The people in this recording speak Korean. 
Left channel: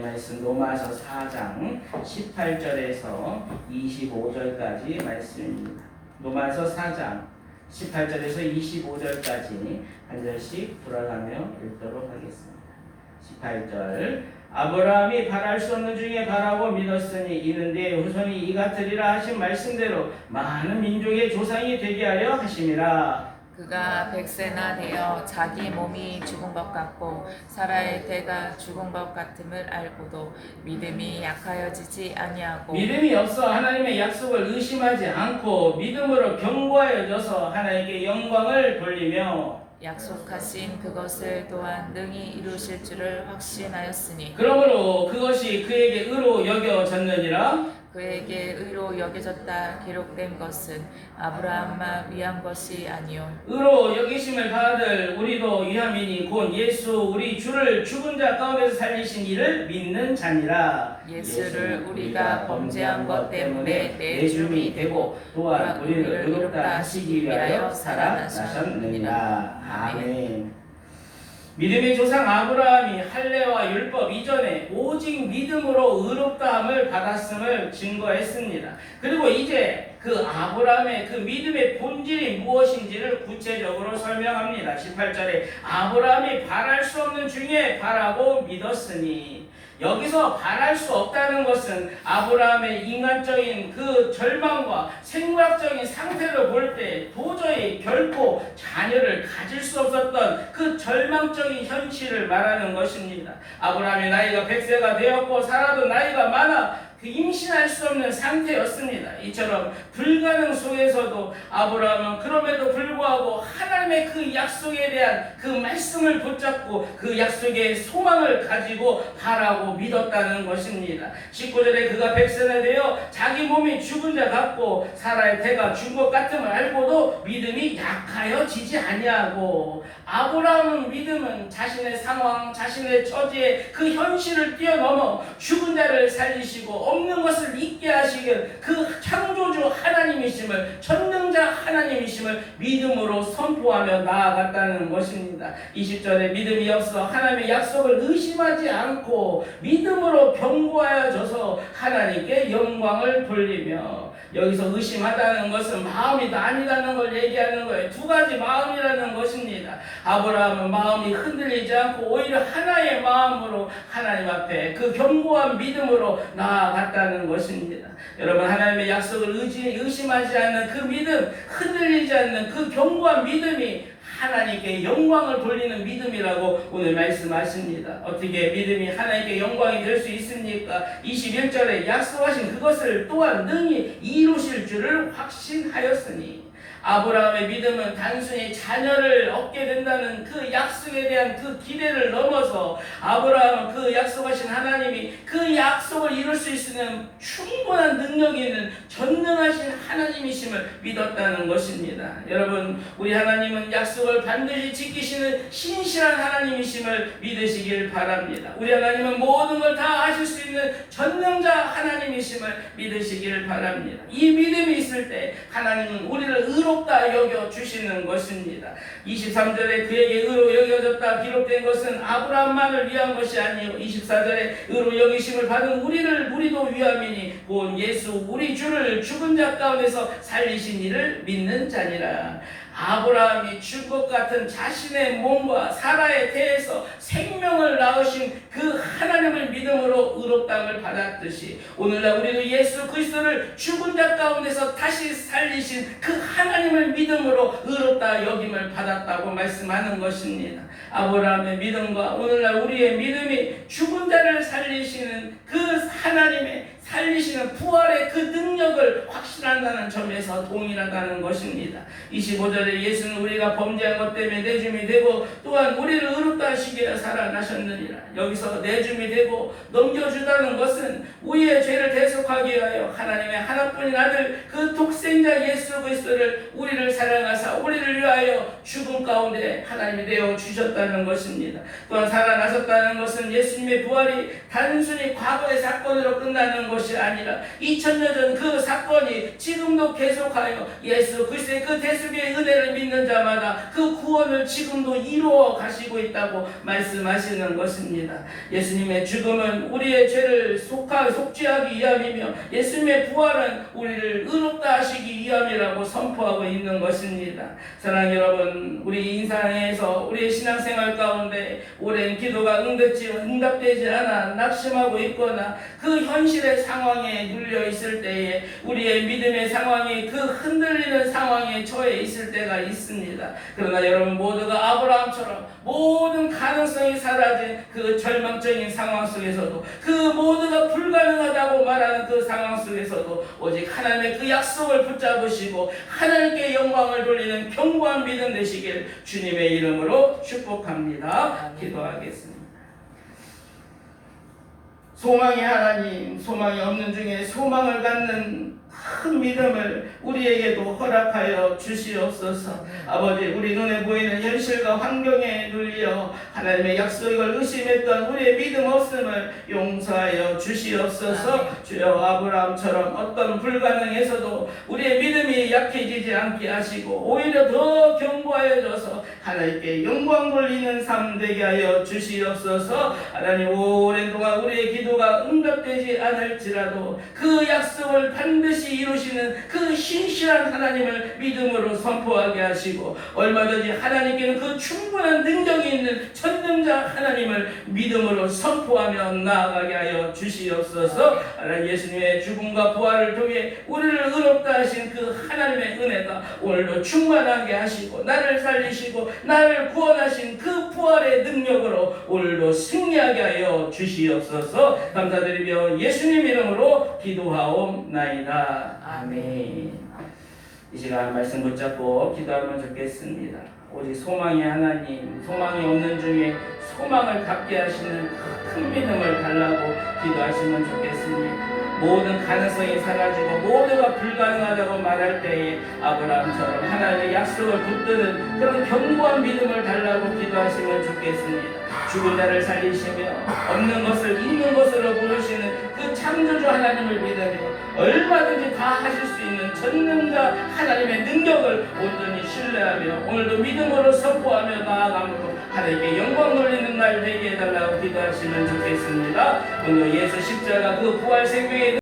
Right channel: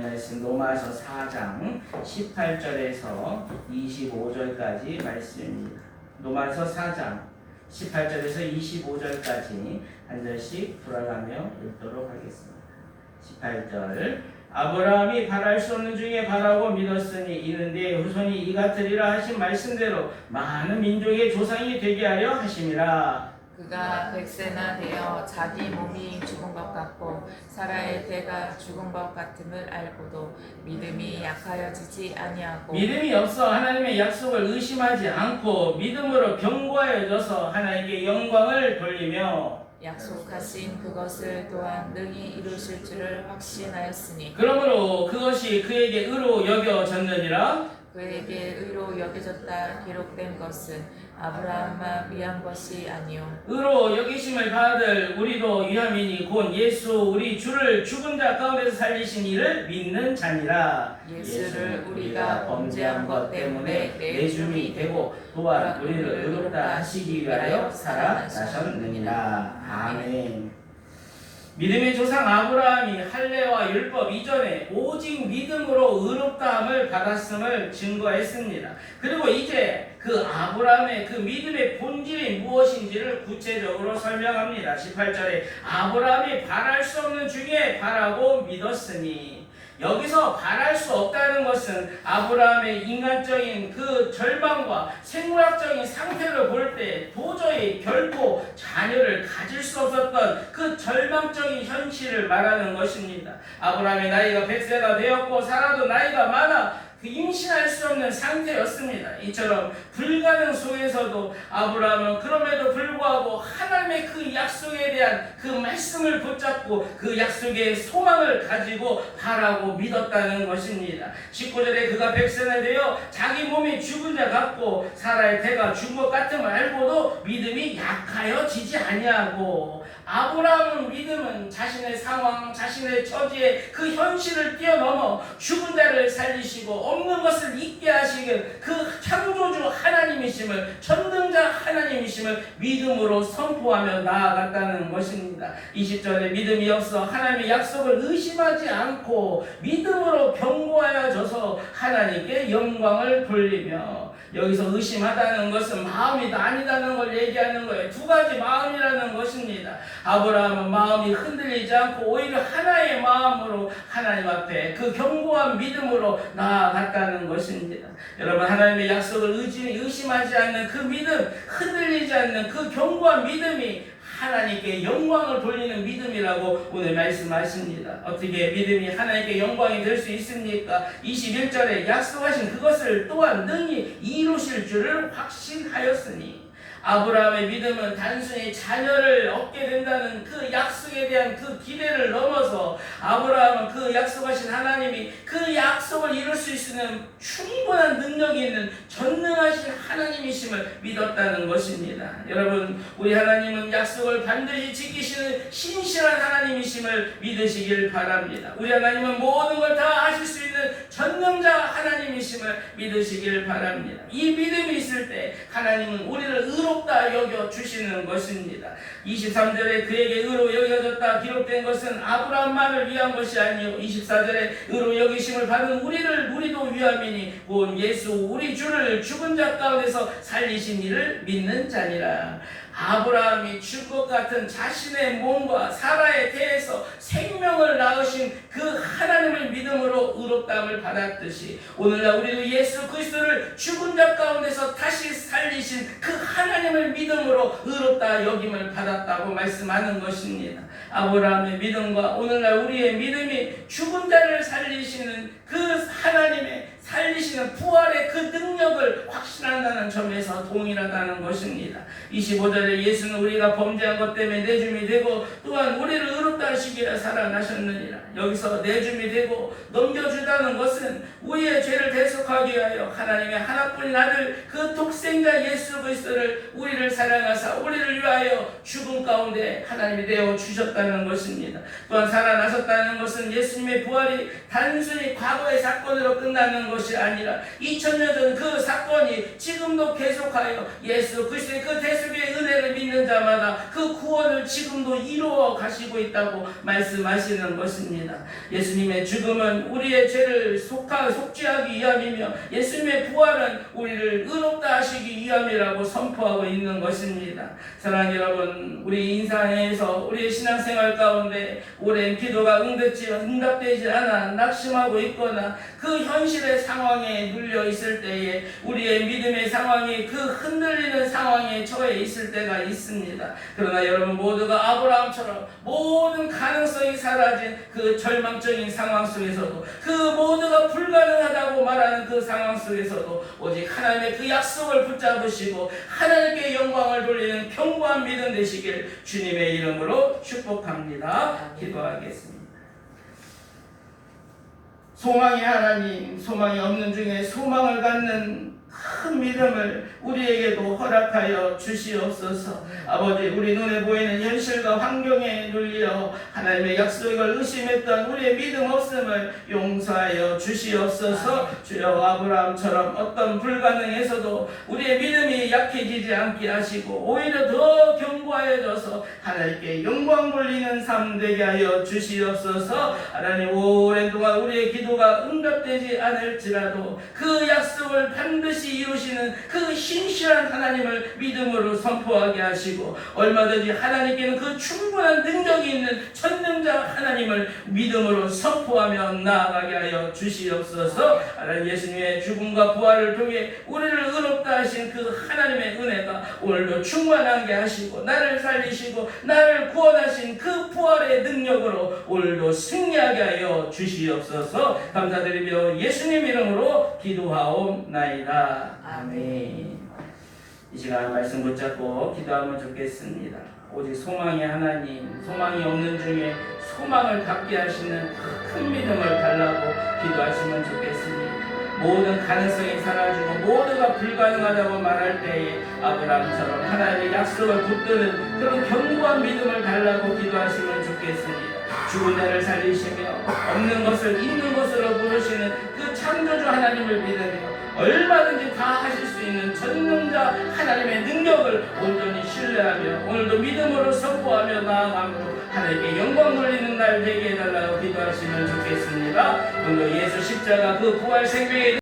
말씀 로마서 4장 18절에서 25절까지 말씀입니다. 로마서 4장 18절에서 25절까지 한 절씩 돌아가며 읽도록 하겠습니다. 18절 아브라함이 바랄 수 없는 중에 바라고 믿었으니 이는 네 후손이 이 같으리라 하신 말씀대로 많은 민족의 조상이 되게 하려 하심이라. 그가 100세나 되어 자기 몸이 죽은 것 같고 사라의 때가 죽은 것 같음을 알고도 믿음이 약하여지지 아니하고 믿음이 없어 하나님의 약속을 의심하지 않고 믿음으로 견고하여져서 하나님께 영광을 돌리며 약속하신 그것을 또한 능히 이루실 줄을 확신하였으니 그러므로 그것이 그에게 의로 여겨졌느니라. 그에게 의로 여겨졌다 기록된 것은 아브라함만 위한 것이 아니요 의로 여기심을 받을 우리도 위함이니 곧 예수 우리 주를 죽은 자 가운데서 살리신 이를 믿는 자니라. 예수를 우리가 범죄한 것 때문에 내줌이 되고 또한 우리를 의롭다 하시기 위하여 살아나셨느니라. 아멘. 믿음의 조상 아브라함이 할례와 율법 이전에 오직 믿음으로 의롭다함을 받았음을 증거했습니다. 그리고 이제 그 아브라함의 그 믿음의 본질이 무엇인지를 구체적으로 설명합니다. 18절에 아브라함이 바랄 수 없는 중에 바라고 믿었으니, 여기서 바랄 수 없다는 것은 아브라함의 인간적인 그 절망과 생물학적인 상태를 볼 때 도저히 결코 자녀를 가질 수 없었던 그 절망적인 현실을 말하는 것입니다. 아브라함의 나이가 100세가 되었고 사라도 나이가 많아 임신할 수 없는 상태였습니다. 이처럼 불가능 속에서도 아브라함은 그럼에도 불구하고 하나님의 그 약속에 대한 그 말씀을 붙잡고 그 약속의 소망을 가지고 바라고 믿었다는 것입니다. 19절에 그가 100세나 되어 자기 몸이 죽은 자 같고 사라의 태가 죽은 것 같음을 알고도 믿음이 약하여지지 아니하고, 아브라함은 믿음은 자신의 상황, 자신의 처지의 그 현실을 뛰어넘어 죽은 자를 살리시고 없는 것을 있게 하시길 그 창조주 하나님이심을, 전능자 하나님이심을 믿음으로 선포하며 나아갔다는 것입니다. 20절에 믿음이 없어 하나님의 약속을 의심하지 않고 믿음으로 견고하여져서 하나님께 영광을 돌리며, 여기서 의심하다는 것은 마음이 아니다는 걸 얘기하는 거예요. 두 가지 마음이라는 것입니다. 아브라함은 마음이 흔들리지 않고 오히려 하나의 마음으로 하나님 앞에 그 견고한 믿음으로 나아갔다는 것입니다. 여러분, 하나님의 약속을 의심하지 않는 그 믿음, 흔들리지 않는 그 견고한 믿음이 하나님께 영광을 돌리는 믿음이라고 오늘 말씀하십니다. 어떻게 믿음이 하나님께 영광이 될 수 있습니까? 21절에 약속하신 그것을 또한 능히 이루실 줄을 확신하였으니, 아브라함의 믿음은 단순히 자녀를 얻게 된다는 그 약속에 대한 그 기대를 넘어서 아브라함은 그 약속하신 하나님이 그 약속을 이룰 수 있는 충분한 능력이 있는 전능하신 하나님이심을 믿었다는 것입니다. 여러분, 우리 하나님은 약속을 반드시 지키시는 신실한 하나님이심을 믿으시길 바랍니다. 우리 하나님은 모든 걸 다 하실 수 있는 전능자 하나님이심을 믿으시길 바랍니다. 이 믿음이 있을 때 하나님은 우리를 의롭다 여겨주시는 것입니다. 23절에 그에게 의로 여겨졌다 기록된 것은 아브라함만을 위한 것이 아니요 24절에 의로 여기심을 받은 우리도 위함이니 곧 예수 우리 주를 죽은 자 가운데서 살리신 이를 믿는 자니라. 아브라함이 죽을 것 같은 자신의 몸과 사라의 태에서 생명을 낳으신 그 하나님을 믿음으로 의롭다함을 받았듯이 오늘날 우리도 예수 그리스도를 죽은 자 가운데서 다시 살리신 그 하나님을 믿음으로 의롭다 여김을 받았다고 말씀하는 것입니다. 아브라함의 믿음과 오늘날 우리의 믿음이 죽은 자를 살리시는 그 하나님의 살리시는 부활의 그 능력을 확신한다는 점에서 동일하다는 것입니다. 25절에 예수는 우리가 범죄한 것 때문에 내줌이 되고 또한 우리를 의롭다 하시기 위해 살아나셨느니라. 여기서 내줌이 되고 넘겨주다는 것은 우리의 죄를 대속하기 위하여 하나님의 하나뿐인 아들 그 독생자 예수 그리스도를 우리를 사랑하사 우리를 위하여 죽음 가운데 하나님이 되어 주셨다는 것입니다. 또한 살아나셨다는 것은 예수님의 부활이 단순히 과거의 사건으로 끝나는 것이 것이 아니라 2000년 전 그 사건이 지금도 계속하여 예수 그리스도의 그 대속의 은혜를 믿는 자마다 그 구원을 지금도 이루어 가시고 있다고 말씀하시는 것입니다. 예수님의 죽음은 우리의 죄를 속죄하기 위함이며 예수님의 부활은 우리를 의롭다 하시기 위함이라고 선포하고 있는 것입니다. 사랑하는 여러분, 우리 인생에서 우리의 신앙생활 가운데 오랜 기도가 응답되지 않아 낙심하고 있거나 그 현실의 상황에 눌려 있을 때에 우리의 믿음의 상황이 그 흔들리는 상황에 처해 있을 때가 있습니다. 그러나 여러분 모두가 아브라함처럼 모든 가능성이 사라진 그 절망적인 상황 속에서도 그 모두가 불가능하다고 말하는 그 상황 속에서도 오직 하나님의 그 약속을 붙잡으시고 하나님께 영광을 돌리는 견고한 믿음 되시길 주님의 이름으로 축복합니다. 기도하겠습니다. 소망이 하나님, 소망이 없는 중에 소망을 갖는 큰 믿음을 우리에게도 허락하여 주시옵소서. 아버지, 우리 눈에 보이는 현실과 환경에 눌려 하나님의 약속을 의심했던 우리의 믿음 없음을 용서하여 주시옵소서. 주여, 아브라함처럼 어떤 불가능에서도 우리의 믿음이 약해지지 않게 하시고 오히려 더 견고하여져서 하나님께 영광 돌리는 삶 되게 하여 주시옵소서. 하나님, 오랜 동안 우리의 기도가 응답되지 않을지라도 그 약속을 반드시 이루시는 그 신실한 하나님을 믿음으로 선포하게 하시고 얼마든지 하나님께는 그 충분한 능력이 있는 전능자 하나님을 믿음으로 선포하며 나아가게 하여 주시옵소서. 하나님, 예수님의 죽음과 부활을 통해 우리를 의롭다 하신 그 하나님의 은혜가 오늘도 충만하게 하시고 나를 살리시고 나를 구원하신 그 부활의 능력으로 오늘도 승리하게 하여 주시옵소서. 감사드리며 예수님 이름으로 기도하옵나이다. 아멘. 이 시간 말씀 붙잡고 기도하면 좋겠습니다. 오직 소망이 하나님, 소망이 없는 중에 소망을 갖게 하시는 큰 믿음을 달라고 기도하시면 좋겠습니다. 모든 가능성이 사라지고 모두가 불가능하다고 말할 때에 아브라함처럼 하나님의 약속을 붙드는 그런 견고한 믿음을 달라고 기도하시면 좋겠습니다. 죽은 자를 살리시며 없는 것을 있는 것으로 부르시는 그 창조주 하나님을 믿으며 얼마든지 다 하실 수 있는 전능자 하나님의 능력을 온전히 신뢰하며 오늘도 믿음으로 선포하며 나아가므로 하나님께 영광 돌리는 날 되게 해달라고 기도하시면 좋겠습니다. 오늘 예수 십자가 그 부활 생명의